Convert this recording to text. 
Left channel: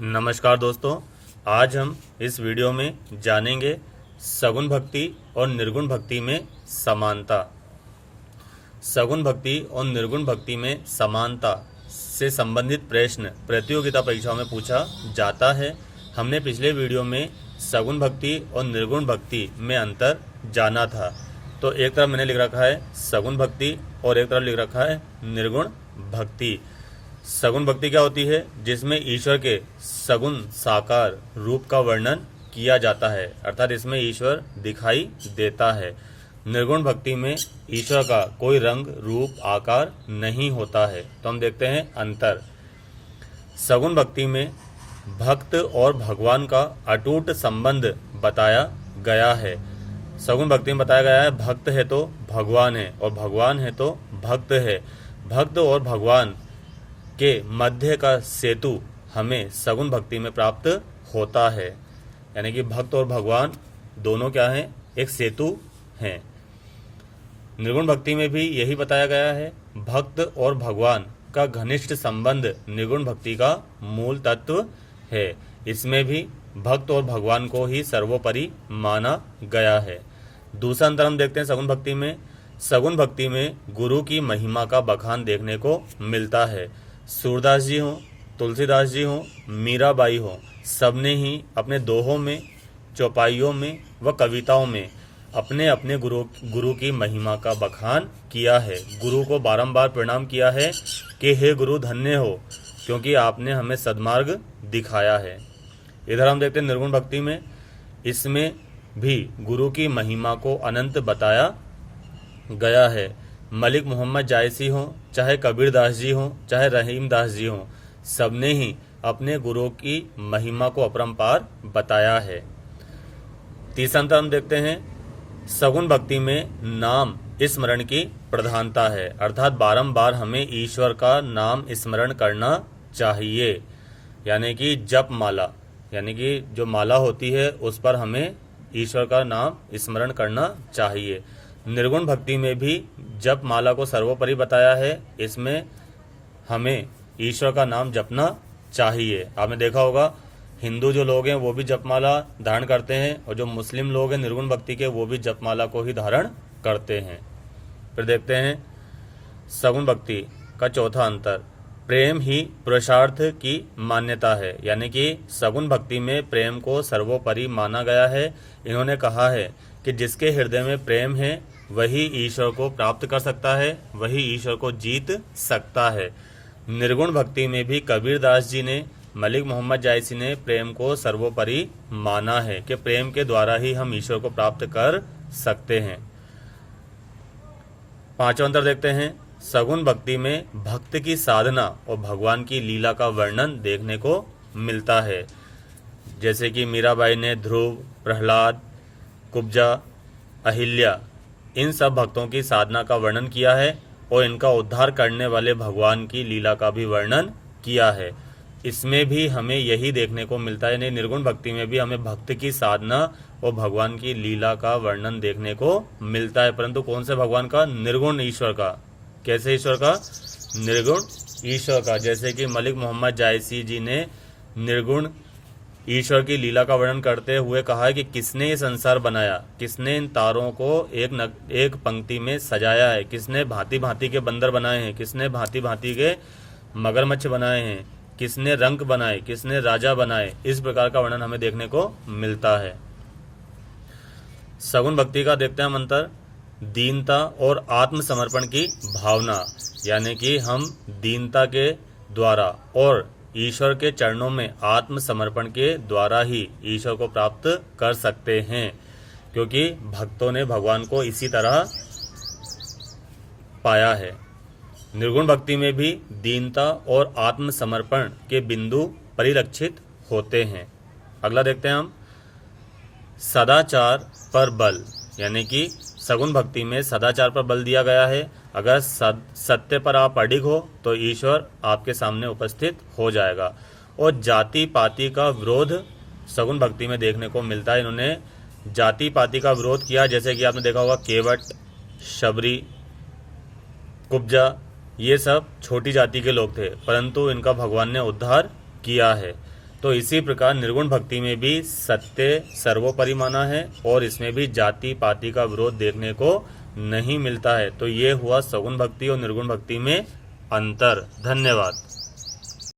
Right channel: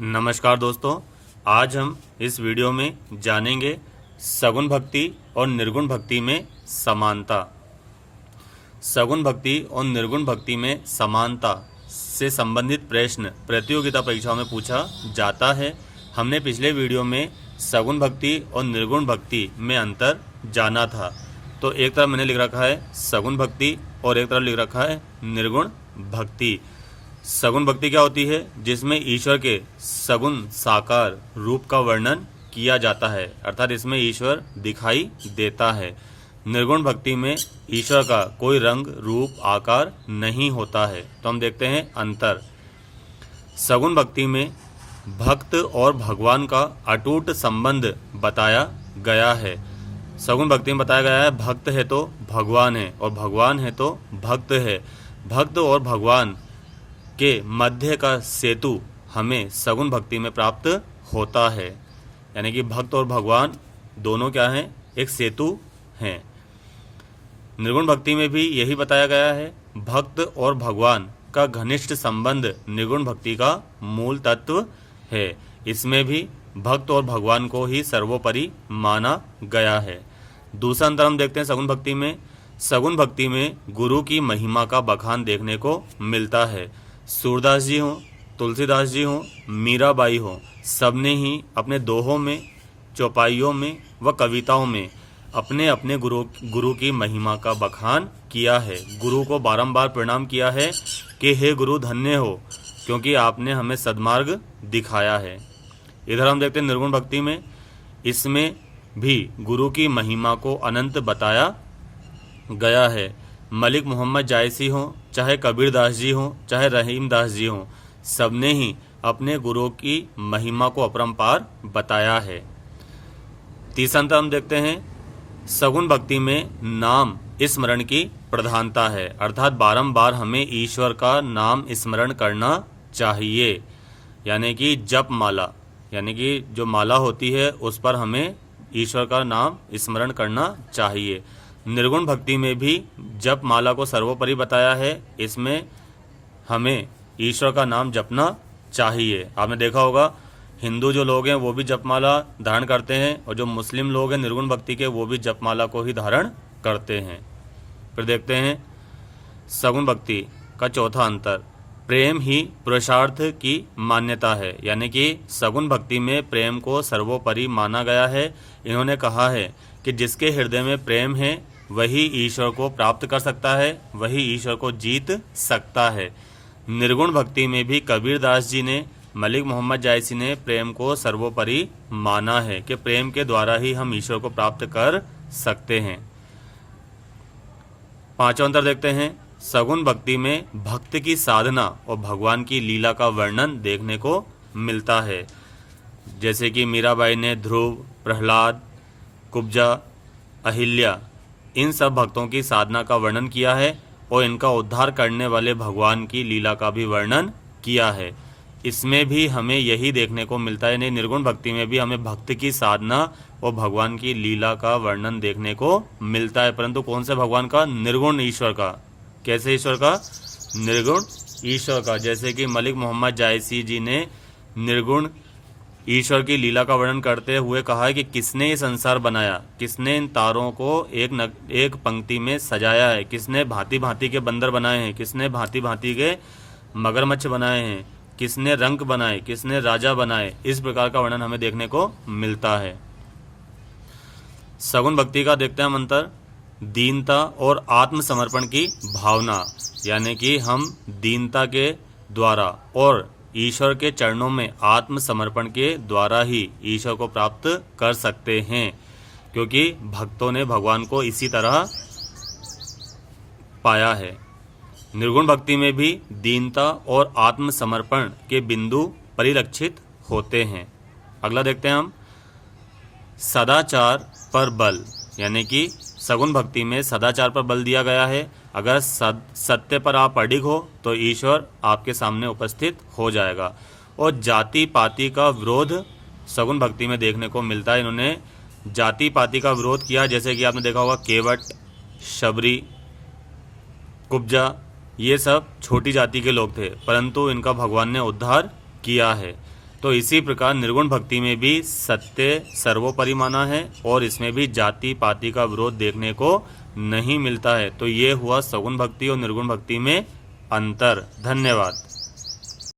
नमस्कार दोस्तों, आज हम इस वीडियो में जानेंगे सगुण भक्ति और निर्गुण भक्ति में समानता। सगुण भक्ति और निर्गुण भक्ति में समानता से संबंधित प्रश्न प्रतियोगिता परीक्षाओं में पूछा जाता है। हमने पिछले वीडियो में सगुण भक्ति और निर्गुण भक्ति में अंतर जाना था। तो एक तरफ मैंने लिख रखा है सगुण भक्ति और एक तरफ लिख रखा है निर्गुण भक्ति। सगुण भक्ति क्या होती है? जिसमें ईश्वर के सगुण साकार रूप का वर्णन किया जाता है, अर्थात इसमें ईश्वर दिखाई देता है। निर्गुण भक्ति में ईश्वर का कोई रंग रूप आकार नहीं होता है। तो हम देखते हैं अंतर। सगुण भक्ति में भक्त और भगवान का अटूट संबंध बताया गया है। सगुण भक्ति में बताया गया है भक्त है तो भगवान है और भगवान है तो भक्त है। भक्त और भगवान के मध्य का सेतु हमें सगुण भक्ति में प्राप्त होता है। यानी कि भक्त और भगवान दोनों क्या हैं? एक सेतु हैं। निर्गुण भक्ति में भी यही बताया गया है। भक्त और भगवान का घनिष्ठ संबंध निर्गुण भक्ति का मूल तत्व है। इसमें भी भक्त और भगवान को ही सर्वोपरि माना गया है। दूसरा अंतर हम देखते हैं सगुण भक्ति में। सगुण भक्ति में गुरु की महिमा का बखान देखने को मिलता है। सूरदास जी हों, तुलसीदास जी हों, मीराबाई हों, सबने ही अपने दोहों में, चौपाइयों में व कविताओं में अपने अपने गुरु की महिमा का बखान किया है। गुरु को बारंबार प्रणाम किया है कि हे गुरु धन्य हो, क्योंकि आपने हमें सद्मार्ग दिखाया है। इधर हम देखते हैं निर्गुण भक्ति में। इसमें भी गुरु की महिमा को अनंत बताया गया है। मलिक मोहम्मद जायसी हों, चाहे कबीरदास जी हों, चाहे रहीमदास जी हों, सबने ही अपने गुरु की महिमा को अपरंपार बताया है। तीसरा अंतर हम देखते हैं सगुण भक्ति में नाम स्मरण की प्रधानता है, अर्थात बारंबार हमें ईश्वर का नाम स्मरण करना चाहिए। यानी कि जप माला, यानी कि जो माला होती है उस पर हमें ईश्वर का नाम स्मरण करना चाहिए। निर्गुण भक्ति में भी जप माला को सर्वोपरि बताया है। इसमें हमें ईश्वर का नाम जपना चाहिए। आपने देखा होगा हिंदू जो लोग हैं वो भी जपमाला धारण करते हैं और जो मुस्लिम लोग हैं निर्गुण भक्ति के वो भी जपमाला को ही धारण करते हैं। फिर देखते हैं सगुण भक्ति का चौथा अंतर। प्रेम ही पुरुषार्थ की मान्यता है। यानी कि सगुण भक्ति में प्रेम को सर्वोपरि माना गया है। इन्होंने कहा है कि जिसके हृदय में प्रेम है वही ईश्वर को प्राप्त कर सकता है, वही ईश्वर को जीत सकता है। निर्गुण भक्ति में भी कबीरदास जी ने, मलिक मोहम्मद जायसी ने प्रेम को सर्वोपरि माना है कि प्रेम के द्वारा ही हम ईश्वर को प्राप्त कर सकते हैं। पांचवा अंतर देखते हैं सगुण भक्ति में भक्त की साधना और भगवान की लीला का वर्णन देखने को मिलता है। जैसे कि मीराबाई ने ध्रुव, प्रहलाद, कुब्जा, अहिल्या, इन सब भक्तों की साधना का वर्णन किया है और इनका उद्धार करने वाले भगवान की लीला का भी वर्णन किया है। इसमें भी हमें यही देखने को मिलता है। निर्गुण भक्ति में भी हमें भक्त की साधना और भगवान की लीला का वर्णन देखने को मिलता है, परंतु कौन से भगवान का? निर्गुण ईश्वर का। कैसे ईश्वर का? निर्गुण ईश्वर का। जैसे कि मलिक मोहम्मद जायसी जी ने निर्गुण ईश्वर की लीला का वर्णन करते हुए कहा है कि किसने ये संसार बनाया, किसने इन तारों को एक पंक्ति में सजाया है, किसने भांति भांति के बंदर बनाए हैं, किसने भांति भांति के मगरमच्छ बनाए हैं, किसने रंक बनाए, किसने राजा बनाए। इस प्रकार का वर्णन हमें देखने को मिलता है। सगुण भक्ति का देखते हैं हम अंतर। दीनता और आत्मसमर्पण की भावना, यानी कि हम दीनता के द्वारा और ईश्वर के चरणों में आत्मसमर्पण के द्वारा ही ईश्वर को प्राप्त कर सकते हैं, क्योंकि भक्तों ने भगवान को इसी तरह पाया है। निर्गुण भक्ति में भी दीनता और आत्मसमर्पण के बिंदु परिलक्षित होते हैं। अगला देखते हैं हम सदाचार पर बल, यानी कि सगुण भक्ति में सदाचार पर बल दिया गया है। अगर सत्य पर आप अडिग हो तो ईश्वर आपके सामने उपस्थित हो जाएगा। और जाति पाति का विरोध सगुण भक्ति में देखने को मिलता है। इन्होंने जाति पाति का विरोध किया, जैसे कि आपने देखा होगा केवट, शबरी, कुब्जा, ये सब छोटी जाति के लोग थे, परंतु इनका भगवान ने उद्धार किया है। तो इसी प्रकार निर्गुण भक्ति में भी सत्य सर्वोपरि माना है और इसमें भी जाति पाति का विरोध देखने को नहीं मिलता है। तो ये हुआ सगुण भक्ति और निर्गुण भक्ति में अंतर। धन्यवाद।